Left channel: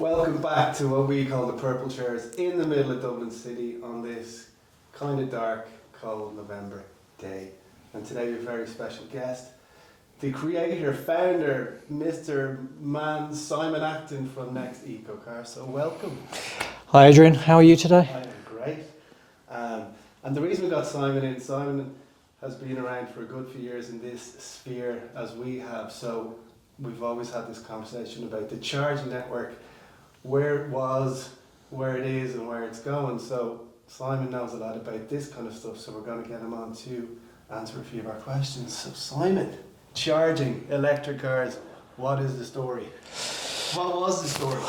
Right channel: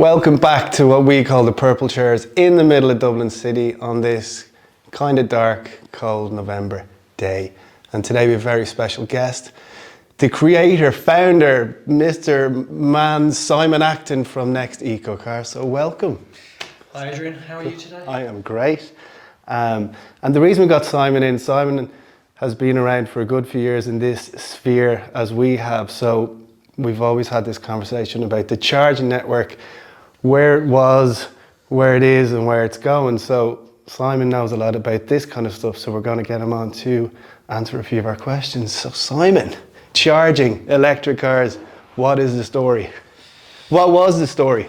Welcome back to what we call the Purple Chairs in the middle of Dublin City on this kind of dark, cold November day. And today we have a very special guest, the creator, founder, Mr. Man Simon Acton from Next Eco Car. So welcome. Hi Adrian, how are you today? I am great. And the reason we got Simon in, Simon has been around for a good few years in this sphere as we have. So we've always had this conversation about the charging network, where it was, where it is and where it's going. So Simon knows a lot about this kind of stuff, so we're going to get him on to answer a few of our questions. So Simon, charging electric cars, what is the story? What was the story?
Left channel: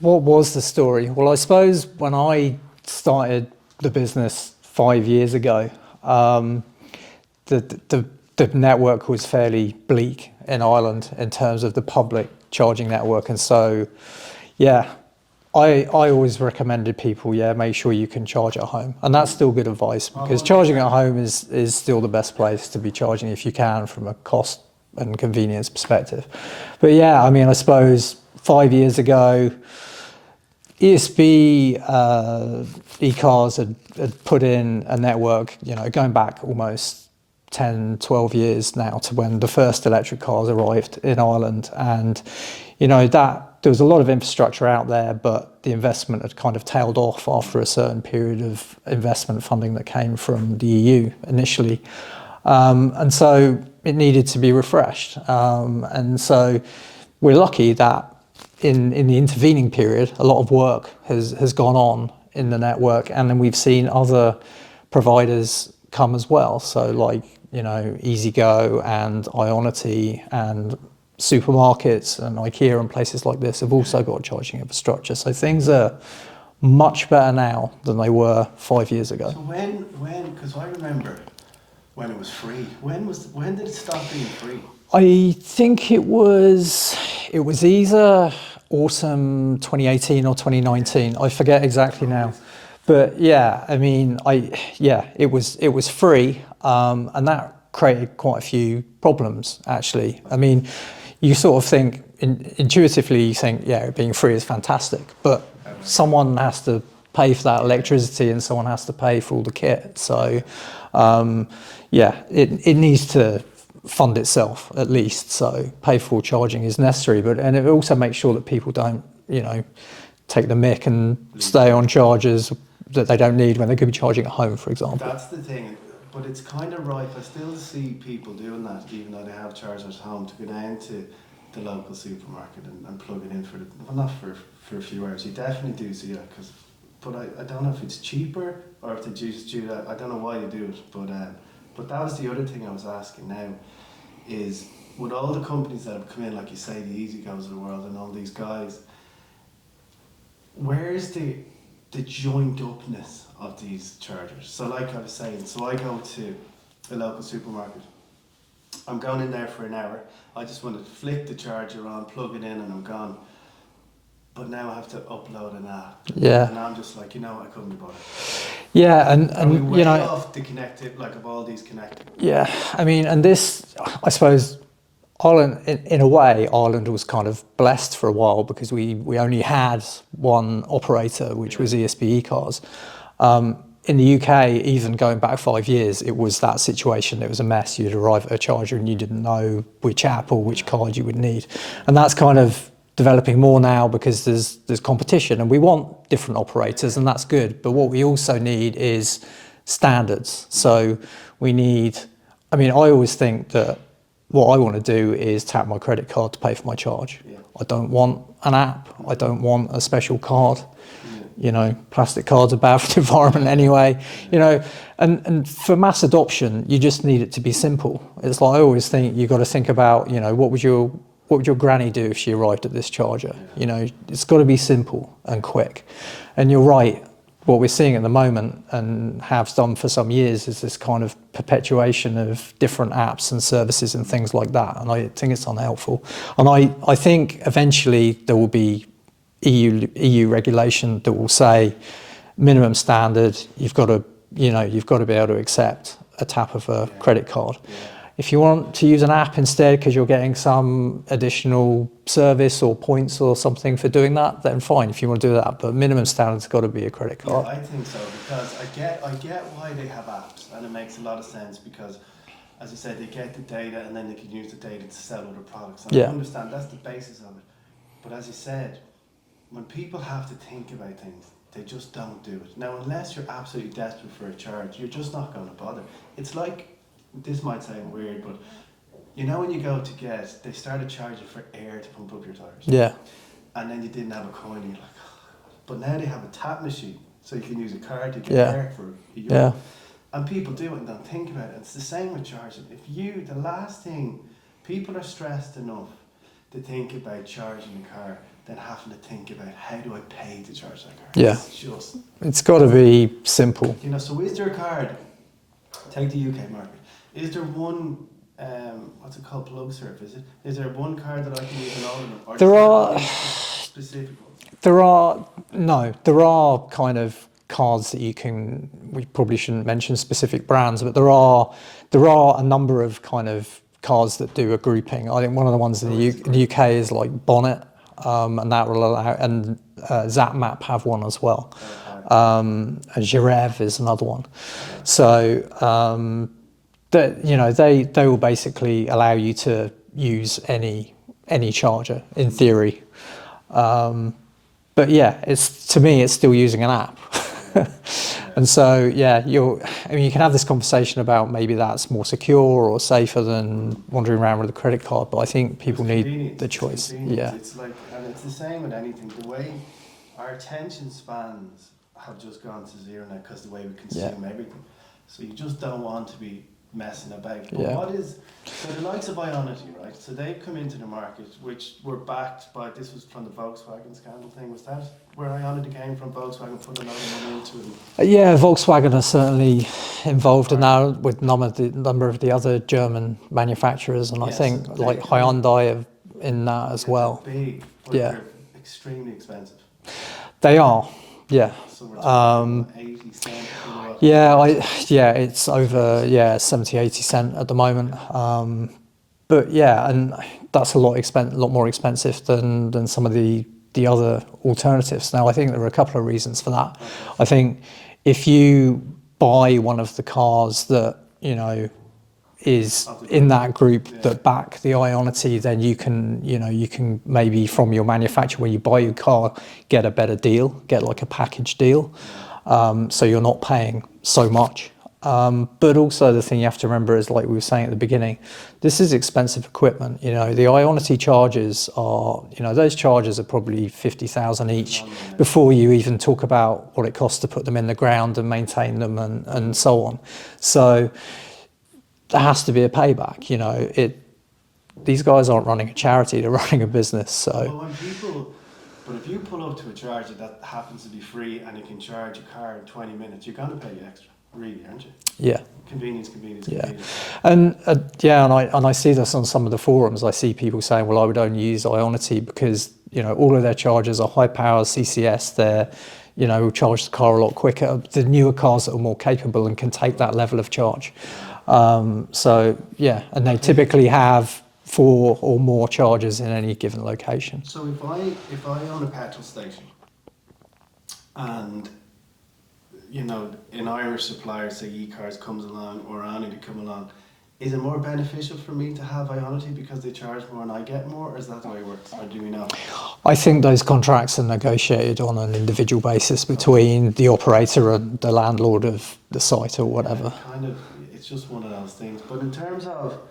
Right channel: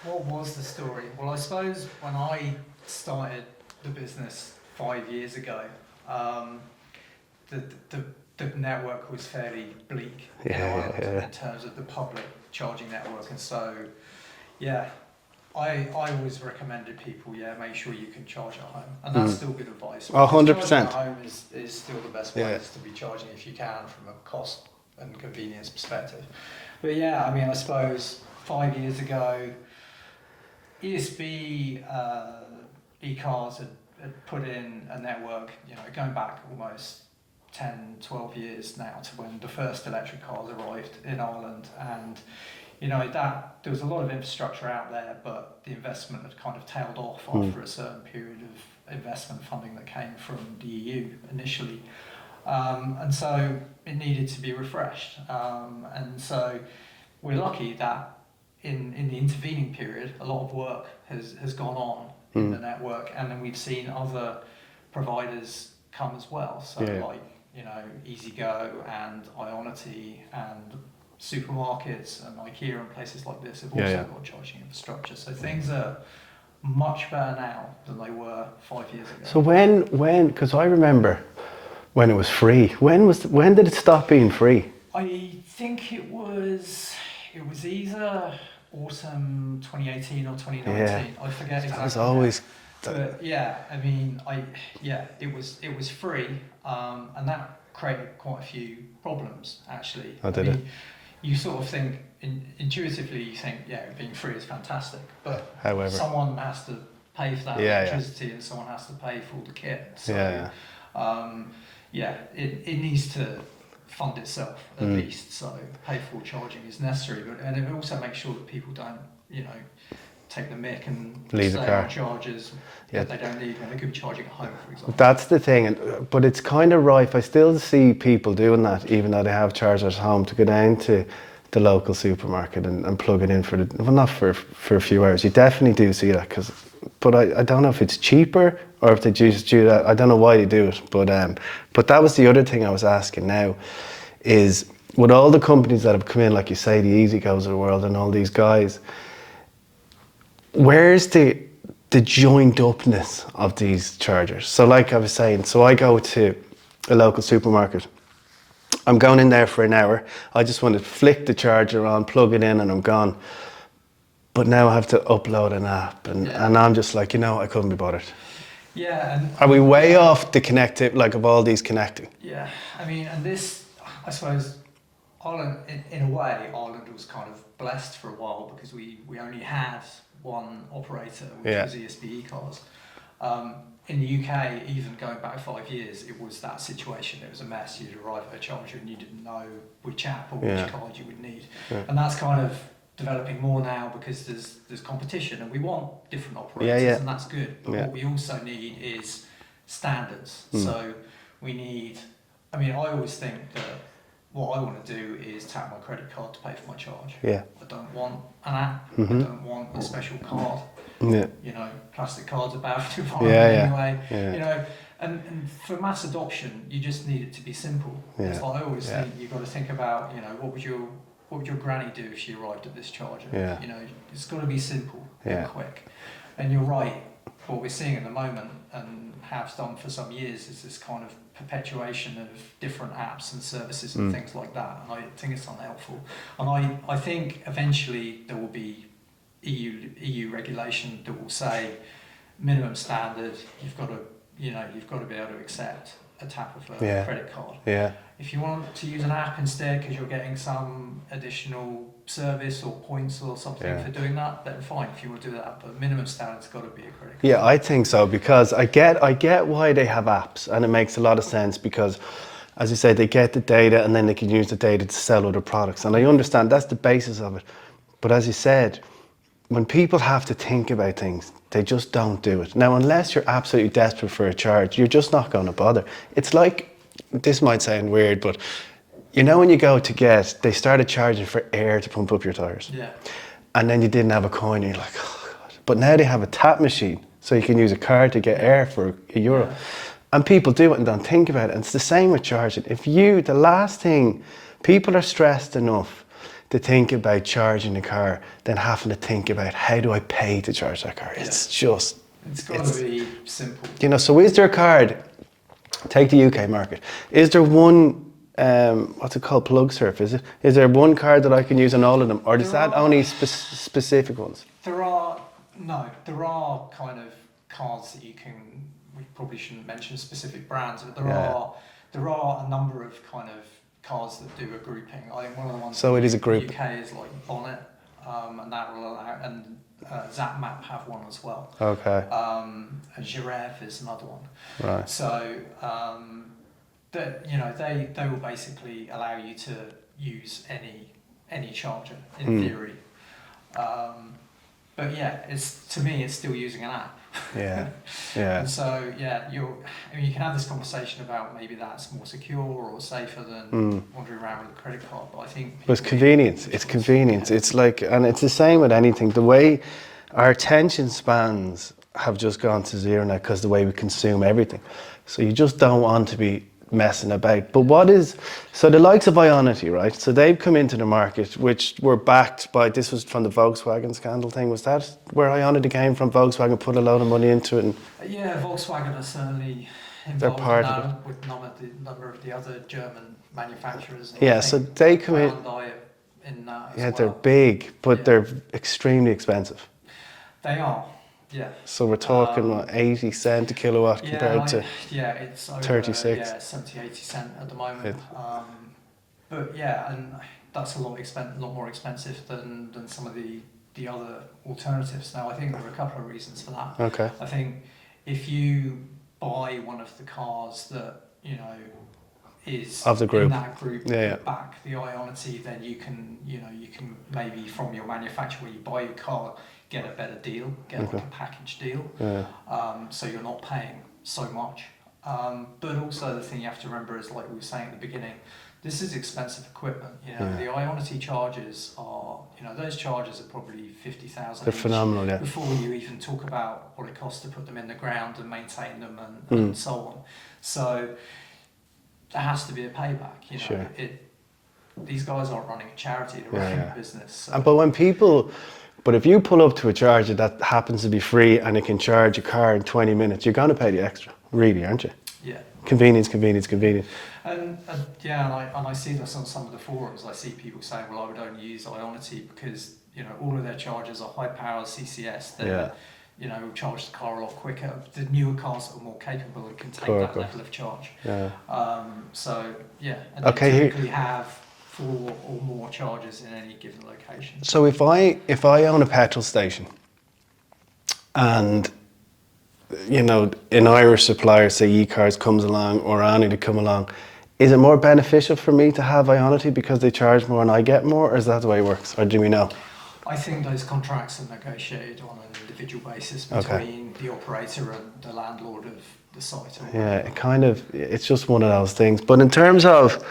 What was the story? Well, I suppose when I started the business 5 years ago, the network was fairly bleak in Ireland in terms of the public charging network. And so, I always recommended people, make sure you can charge at home. And that's still good advice, because 100%. charging at home is still the best place to be charging if you can from a cost and convenience perspective. But I suppose 5 years ago, ESB e-cars had put in a network, going back almost 10, 12 years now to when the first electric cars arrived in Ireland. And, that there was a lot of infrastructure out there, but the investment had kind of tailed off after a certain period of investment funding that came from the EU initially. And so it needed to be refreshed. And so we're lucky that in the intervening period, a lot of work has gone on in the network, and then we've seen other providers come as well. So EasyGo and Ionity and supermarkets and IKEA and places like this have also got charging infrastructure. So things are much better now than they were 5 years ago. So when, because I remember when it was free, when did it stop being free? I think it was either autumn 2018 or 2019. I forget exactly now. But it was free, and that created quite a few problems actually. You sort of think intuitively, you think being free is fantastic, but however, someone has to pay for that electricity and someone has to pay for all the kit. So it needs to fund itself at least. So pay for charging is necessary, and it also makes sure that people don't take the mick and stay on chargers that they don't need when they could be charging at home, for example. That's the thing, but it's kind of rife. I still see people doing that, even though they have chargers at home, to go down to the local supermarket and plug it in not for a few hours. You definitely do see that, but I don't know if it's cheaper or if they just do that. I don't know why they do it, but that was the other thing I was asking now, is with all the companies that have come in, like you say, the EasyGos of the world and all these guys, where's the joined upness of these chargers? So like I was saying, so I go to a local supermarket, I'm going in there for an hour, I just want to flick the charger on, plug it in and I'm gone. But now I have to upload an app and I'm just like, I couldn't be bothered. Yeah, and are we way off the connective, of all these connecting? Yeah, and this, I suppose, Ireland, in a way, Ireland was kind of blessed for a while because we only had one operator, which was ESB e-cars. In the UK, even going back 5 years, it was that situation. It was a mess. You'd arrive at a charger and you didn't know which app or which card you would need. And that's kind of developing more now because there's competition and we want different operators and that's good. But what we also need is standards. So we need, I always think that what I want to do is tap my credit card to pay for my charge. I don't want an app. I don't want a special card. Plastic cards are bad for the environment anyway. And for mass adoption, you just need it to be simple. It's like I always think you've got to think about, what would your granny do if she arrived at this charger? It's got to be simple and quick. And you're right. What we're seeing at the moment, and have done for some years, is this kind of perpetuation of different apps and services and things like that. And I think it's unhelpful. And I think eventually there will be EU regulation that will say minimum standard, you've got to be able to accept a tap of a credit card. If you want to use an app instead because you're getting some additional service or points or something for doing that, then fine. If you want to do that, but minimum standard's got to be a credit card. Yeah, I think so, because I get why they have apps, and it makes a lot of sense because, as you say, they get the data and then they can use the data to sell other products, and I understand that's the basis of it. But as you said, when people have to think about things, they just don't do it. Now, unless you're absolutely desperate for a charge, you're just not going to bother. It's like, this might sound weird, but you know when you go to get, they started charging for air to pump up your tyres. Yeah. And then you didn't have a coin, and you're like, oh God. But now they have a tap machine, so you can use a card to get air for €1. Yeah. And people do it and don't think about it. And it's the same with charging. The last thing, people are stressed enough to think about charging the car than having to think about, how do I pay to charge that car? Yeah. It's got to be simple. You know, so is there a card, take the UK market, is there one, what's it called, plug surf, is it? Is there one card that I can use on all of them? Or is that only specific ones? There are kind of cards that you can, we probably shouldn't mention specific brands, but there are a number of kind of cards that do a grouping. I think one of the ones in the UK is like Bonnet, and that will allow, and ZapMap have one as well. Okay. Girev is another one. Right. So that, you know, they will basically allow you to use any charger in theory. But yeah, to me it's still using an app. Yeah. Yeah. And so you can have this conversation about maybe that's more secure or safer than wandering around with a credit card, but I think people need the choice. It's convenience. Yeah. It's like, and it's the same with anything. The way our attention spans have just gone to zero now because the way we consume everything. So you just don't want to be messing about. But so the likes of Ionity, right? So they've come into the market, which were backed by, this was from the Volkswagen scandal thing. Was that where Ionity came from? Volkswagen put a load of money into it? Yeah, Volkswagen are certainly involved in that with a number of the other German manufacturers, and I think so they Hyundai are in that as well. They're big, but they're extremely expensive. They are. Yeah. So we're talking 80 cent a kilowatt. It's over 36. 70, 80 cent at the moment. But yeah, and that's a lot more expensive than some of the other alternatives. Now, I think there are a couple of reasons for that. Okay. I think if you buy one of the cars that, you know, is in that group that back the Ionity, then you can maybe from your manufacturer, when you buy your car, get a better deal, get like a package deal. So you're not paying so much. But also the thing you have to remember is, like we were saying at the beginning, this is expensive equipment. You know, the Ionity chargers are, those chargers are probably 50,000 each before you even talk about what it costs to put them in the ground and maintain them and so on. So there has to be a payback, These guys aren't running a charity, they're running a business. So. But if you pull up to a charger that happens to be free and it can charge a car in 20 minutes, you're going to pay the extra, really, aren't you? Yeah. Convenience. And I see this on some of the forums. I see people saying, well, I would only use Ionity because, all of their chargers are high power CCS. They're, will charge the car a lot quicker. The newer cars that are more capable and can take that level of charge. And they typically have 4 or more chargers in any given location. So if I own a petrol station and, an Irish supplier, say eCars comes along or Ionity come along, is it more beneficial for me to have Ionity because they charge more and I get more, or is that the way it works, or do we know? I think those contracts are negotiated on an individual basis between the operator and the landlord of the site or whatever. It's just one of those things. But in terms of,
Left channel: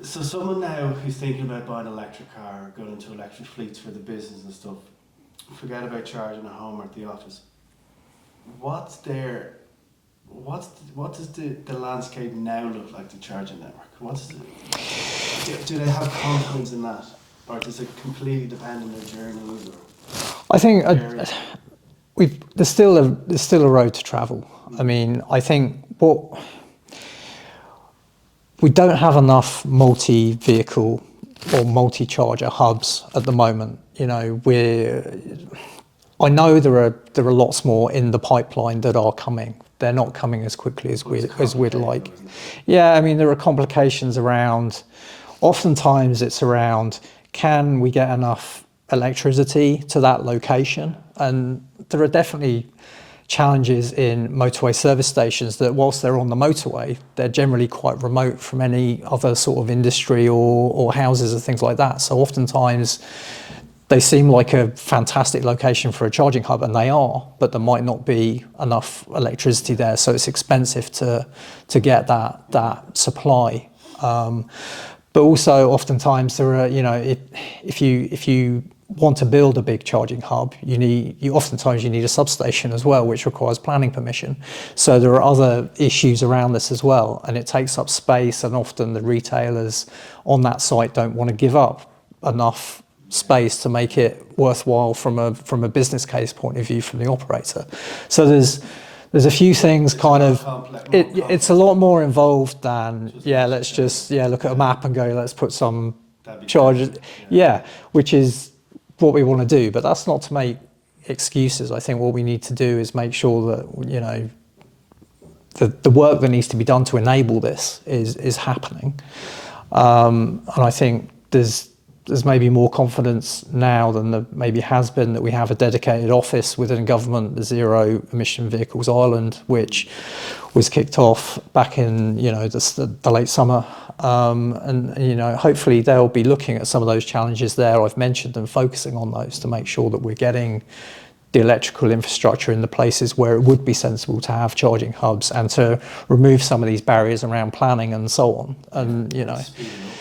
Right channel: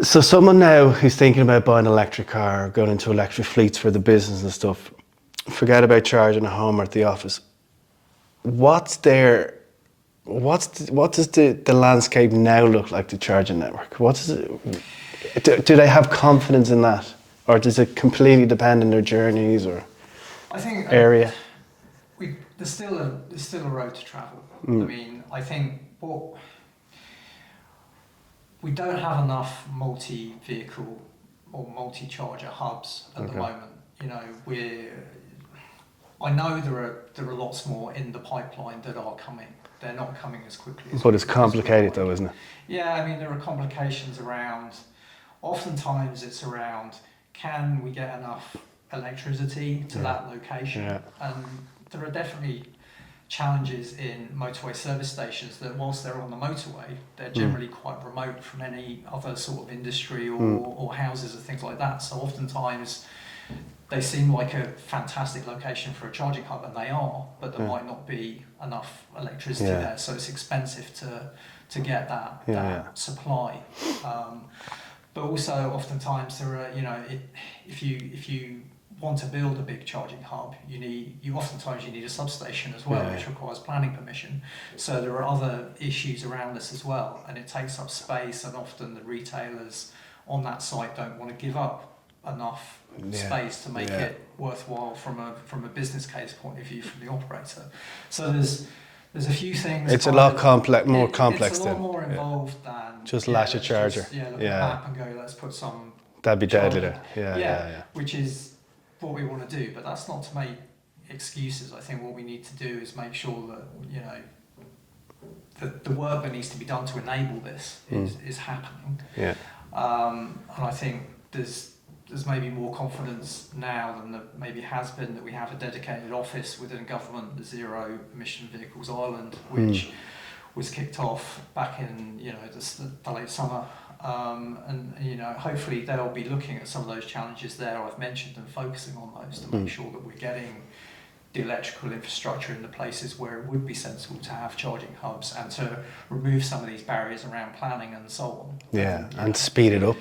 so someone now who's thinking about buying an electric car or going into electric fleets for the business and stuff, forget about charging at home or at the office. What does the landscape now look like, the charging network? Do they have confidence in that? Or does it completely depend on their journeys or I think area? There's still a road to travel. I mean, I think we don't have enough multi-vehicle or multi-charger hubs at the moment. I know there are lots more in the pipeline that are coming. They're not coming as quickly as But it's we'd complicated like. though, isn't it? Yeah, I mean, there are complications around, oftentimes it's around, can we get enough electricity to that location? Yeah. And there are definitely challenges in motorway service stations that whilst they're on the motorway, they're generally quite remote from any other sort of industry or houses and things like that. So oftentimes they seem like a fantastic location for a charging hub, and they are, but there might not be enough electricity there, so it's expensive to get that supply. But also, oftentimes there are, if you want to build a big charging hub, oftentimes you need a substation as well, which requires planning permission. So there are other issues around this as well, and it takes up space, and often the retailers on that site don't want to give up enough space to make it worthwhile from a business case point of view from the operator. So there's a few things. It's kind a lot of complex. It's a lot more involved than just let's just look at a map and go, let's put some that'd be charges. Which is what we want to do, but that's not to make excuses. I think what we need to do is make sure that the work that needs to be done to enable this is happening. And I think there's maybe more confidence now than there maybe has been that we have a dedicated office within government, the Zero Emission Vehicles Ireland, which was kicked off back in the late summer, and hopefully they'll be looking at some of those challenges there I've mentioned and focusing on those to make sure that we're getting the electrical infrastructure in the places where it would be sensible to have charging hubs, and to remove some of these barriers around planning and so on, and speed it up.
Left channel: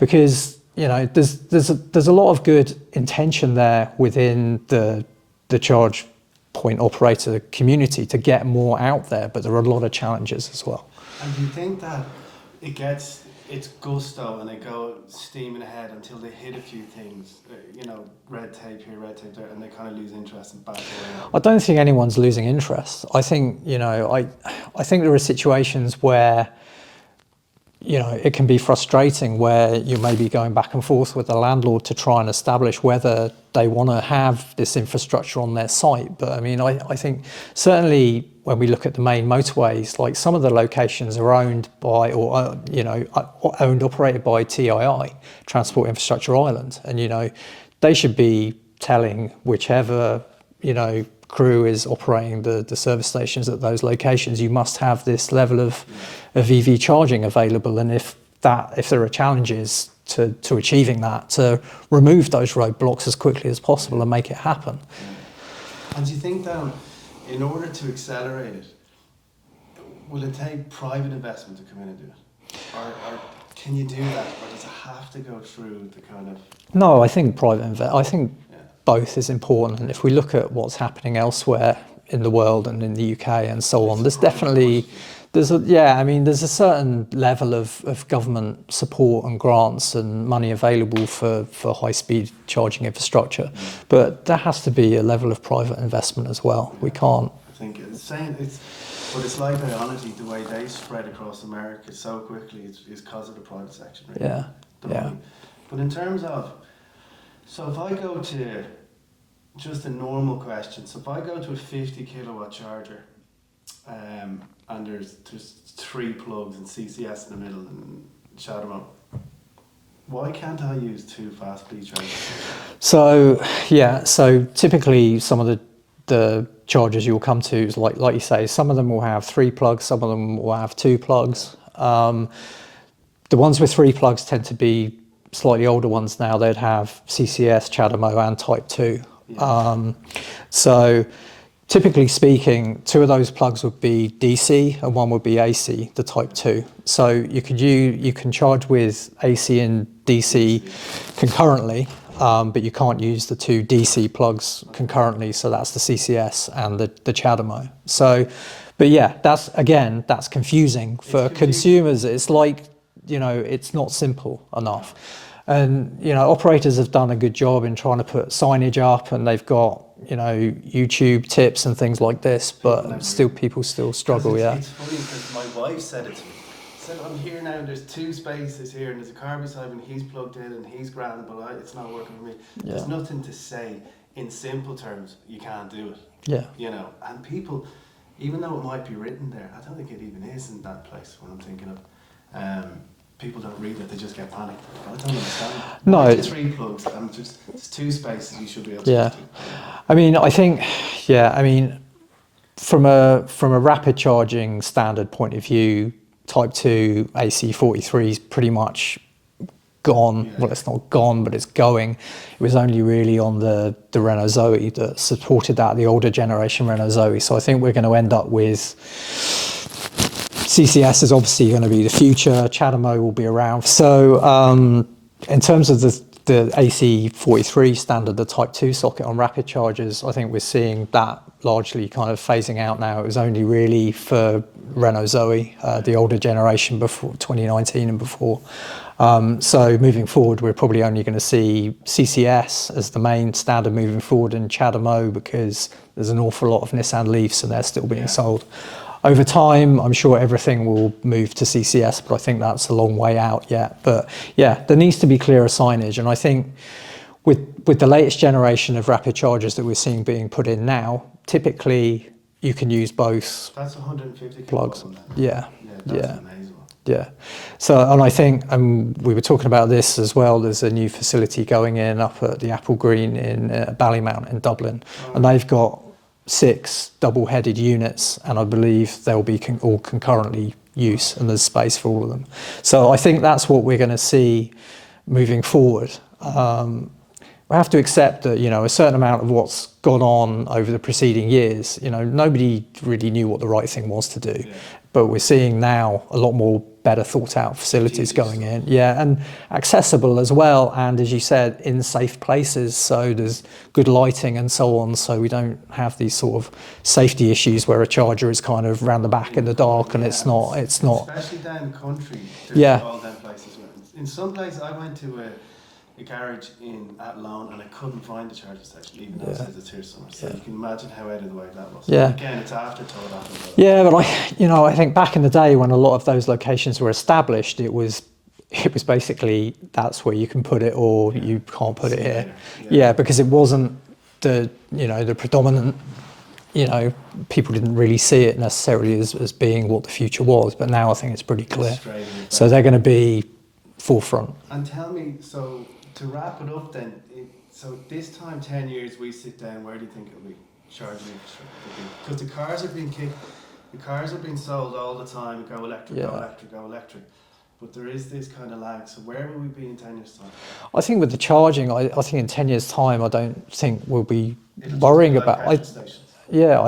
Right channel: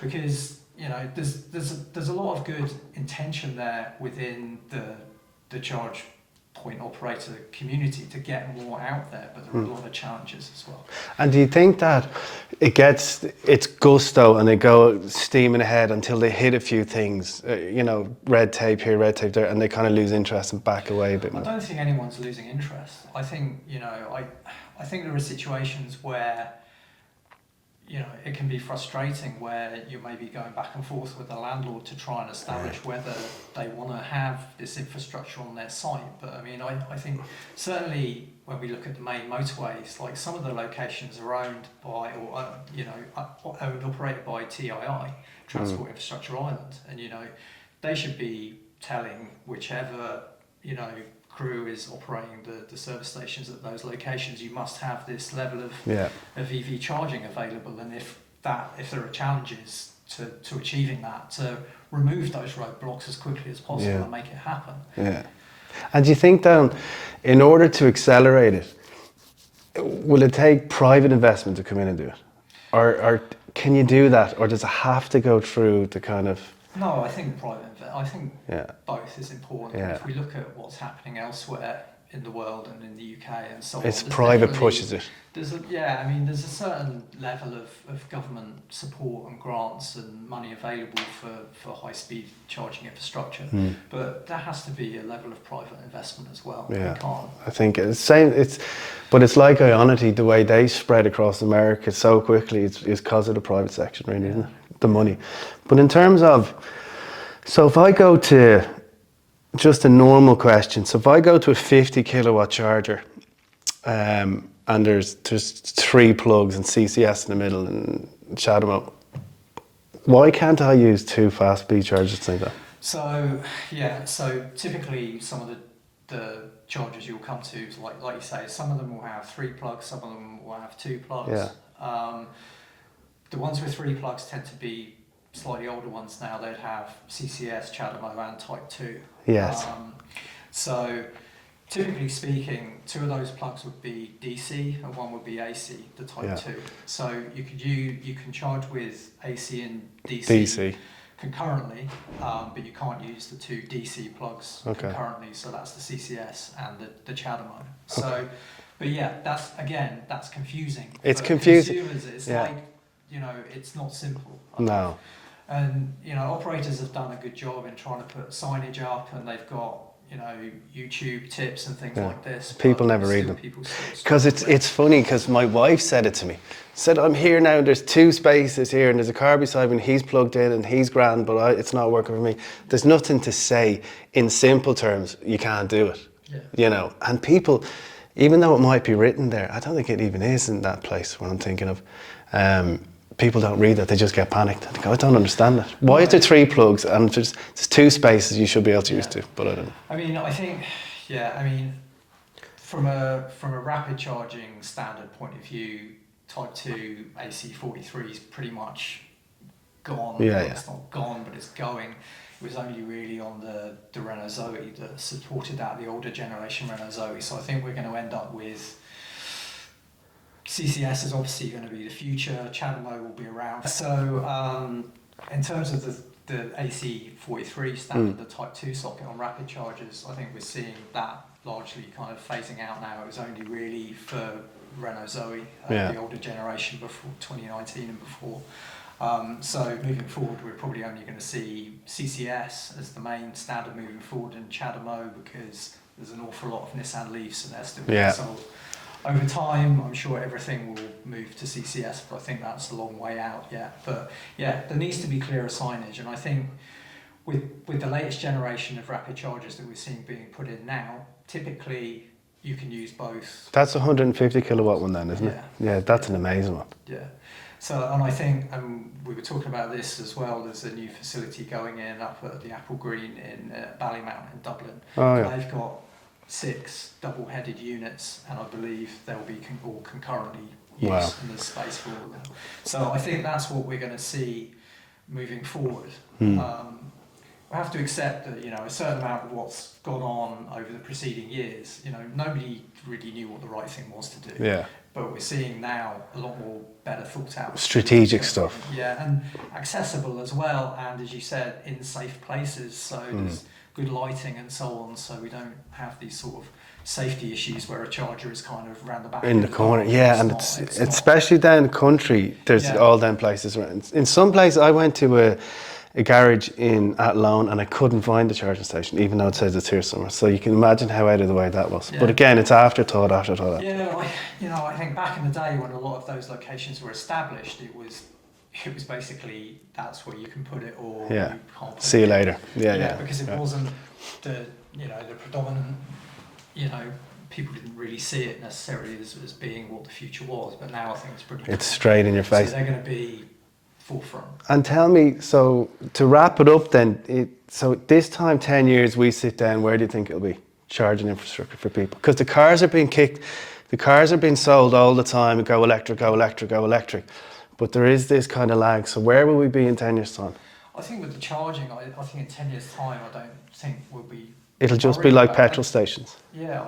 Because there's a lot of good intention there within the charge point operator community to get more out there, but there are a lot of challenges as well. And do you think that it gets its gusto and they go steaming ahead until they hit a few things, red tape here, red tape there, and they kind of lose interest and back away? I don't think anyone's losing interest. I think I think there are situations where it can be frustrating, where you may be going back and forth with the landlord to try and establish whether they want to have this infrastructure on their site. But I mean, I think certainly when we look at the main motorways, like some of the locations are owned by, owned, operated by TII, Transport Infrastructure Ireland. And, they should be telling whichever, crew is operating the service stations at those locations, you must have this level of EV charging available, and if there are challenges to achieving that, to remove those roadblocks as quickly as possible and make it happen. And do you think that in order to accelerate it, will it take private investment to come in and do it, or can you do that, or does it have to go through the kind of? No, I think both is important. If we look at what's happening elsewhere in the world and in the UK and so on, there's definitely there's a certain level of government support and grants and money available for high speed charging infrastructure, but there has to be a level of private investment as well. We can't. I think but it's like Ionity, the way they spread across America so quickly is because of the private section, really, the money. But in terms of, so if I go to just a normal question, so if I go to a 50 kilowatt charger, and there's 3 plugs and CCS in the middle and CHAdeMO, why can't I use 2 fast speed chargers like that? So typically some of the chargers you'll come to, like you say, some of them will have 3 plugs, some of them will have 2 plugs. The ones with 3 plugs tend to be slightly older ones now. They'd have CCS, CHAdeMO and Type 2. So typically speaking, 2 of those plugs would be DC and 1 would be AC, the Type 2. So you can charge with AC and DC concurrently, but you can't use the 2 DC plugs concurrently. So that's the CCS and the CHAdeMO. So, but that's confusing for consumers. It's like, it's not simple enough. No. And, operators have done a good job in trying to put signage up, and they've got, YouTube tips and things like this. People never read them. People still struggle. Because it's funny, because my wife said it to me. said, I'm here now, there's 2 spaces here and there's a car beside me and he's plugged in and he's grand, but it's not working for me. Yeah. There's nothing to say in simple terms, you can't do it. Yeah. You know, and people, even though it might be written there, I don't think it even is in that place what I'm thinking of. People don't read that, they just get panicked. They go, I don't understand that. Why is there 3 plugs and there's 2 spaces you should be able to use 2? But I don't know. I mean, I think, from a rapid charging standard point of view, Type 2 AC43 is pretty much gone. It's not gone, but it's going. It was only really on the Renault Zoe that supported that, the older generation Renault Zoe. So I think we're going to end up with CCS is obviously going to be the future. CHAdeMO will be around. So in terms of the AC43 standard, the Type 2 socket on rapid chargers, I think we're seeing that largely kind of phasing out now. It was only really for Renault Zoe, the older generation before 2019 and before. So moving forward, we're probably only going to see CCS as the main standard moving forward, and CHAdeMO, because there's an awful lot of Nissan Leafs and they're still being sold. Over time, I'm sure everything will move to CCS, but I think that's a long way out yet. But yeah, there needs to be clearer signage. And I think with the latest generation of rapid chargers that we're seeing being put in now, typically you can use both. That's a 150 kilowatt one then, isn't it? Yeah, that's an amazing one. Yeah. So, and I think, we were talking about this as well, there's a new facility going in up at the Apple Green in Ballymount in Dublin. And they've got 6 double-headed units, and I believe they'll be all concurrently used, and there's space for all of them. So I think that's what we're going to see moving forward. We have to accept that, a certain amount of what's gone on over the preceding years, nobody really knew what the right thing was to do. Yeah. But we're seeing now a lot more better thought out facilities going in. Yeah, and accessible as well, and as you said, in safe places, so there's good lighting and so on, so we don't have these sort of safety issues where a charger is kind of round the back in the dark, and it's not. Especially down the country, there's all them places around. In some places, I went to a garage in Athlone and I couldn't find the charging station, even though it says it's here somewhere. So you can imagine how out of the way that was. Yeah. But again, it's afterthought. Yeah, but I think back in the day when a lot of those locations were established, it was basically that's where you can put it or you can't put it. See you later. Yeah, because it wasn't the predominant. People didn't really see it necessarily as being what the future was. But now I think it's pretty clear. It's straight in your face. So they're going to be forefront. And tell me, so to wrap it up then, so this time 10 years we sit down, where do you think it'll be? Charging infrastructure for people? Because the cars are being kicked, the cars are being sold all the time, go electric, go electric, go electric. But there is this kind of lag, so where will we be in 10 years time? I think with the charging, I think in 10 years time, I don't think we'll be It'll just be like petrol stations. Yeah,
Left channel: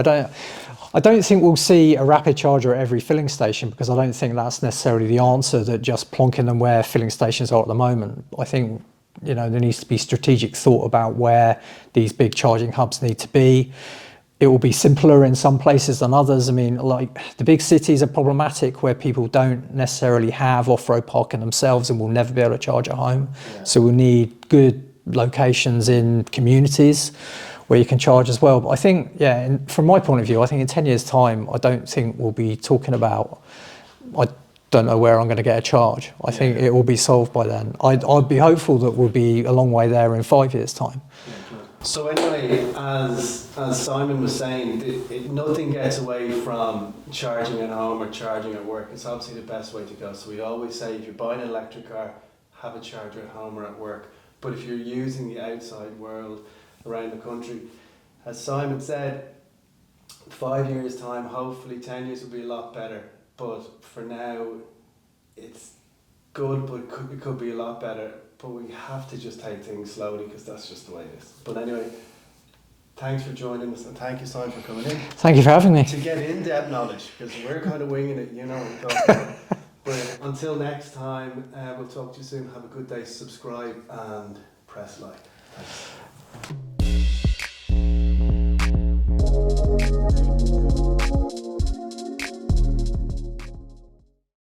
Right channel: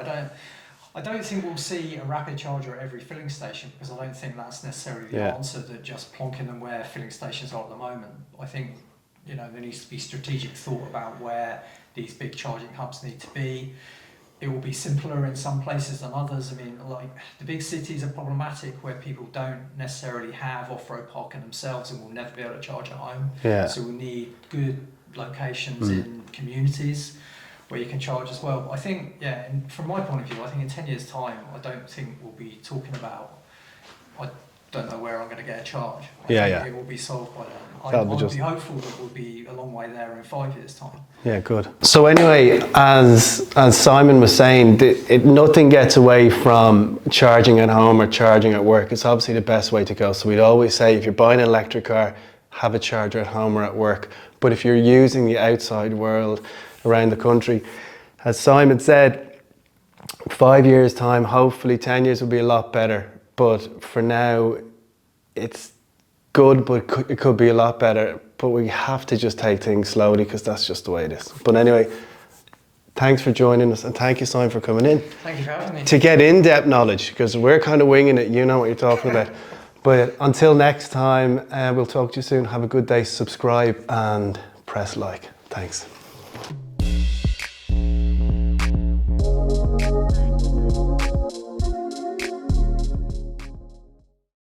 I don't think we'll see a rapid charger at every filling station, because I don't think that's necessarily the answer, that just plonking them where filling stations are at the moment. I think, there needs to be strategic thought about where these big charging hubs need to be. It will be simpler in some places than others. I mean, like the big cities are problematic where people don't necessarily have off-road parking themselves and will never be able to charge at home. Yeah. So we'll need good locations in communities where you can charge as well. But I think, from my point of view, I think in 10 years' time, I don't think we'll be talking about, I don't know where I'm going to get a charge. I think it will be solved by then. I'd be hopeful that we'll be a long way there in 5 years' time. Yeah, good. So anyway, as Simon was saying, nothing gets away from charging at home or charging at work. It's obviously the best way to go. So we'd always say, if you're buying an electric car, have a charger at home or at work. But if you're using the outside world around the country, as Simon said, 5 years time, hopefully 10 years will be a lot better. But for now, it's good, but it could be a lot better. But we have to just take things slowly, because that's just the way it is. But anyway, thanks for joining us, and thank you, Simon, for coming in. Thank you for having me. To get in-depth knowledge, because we're kind of winging it, you know what you're talking about. But until next time, we'll talk to you soon. Have a good day, subscribe and press like. Thanks.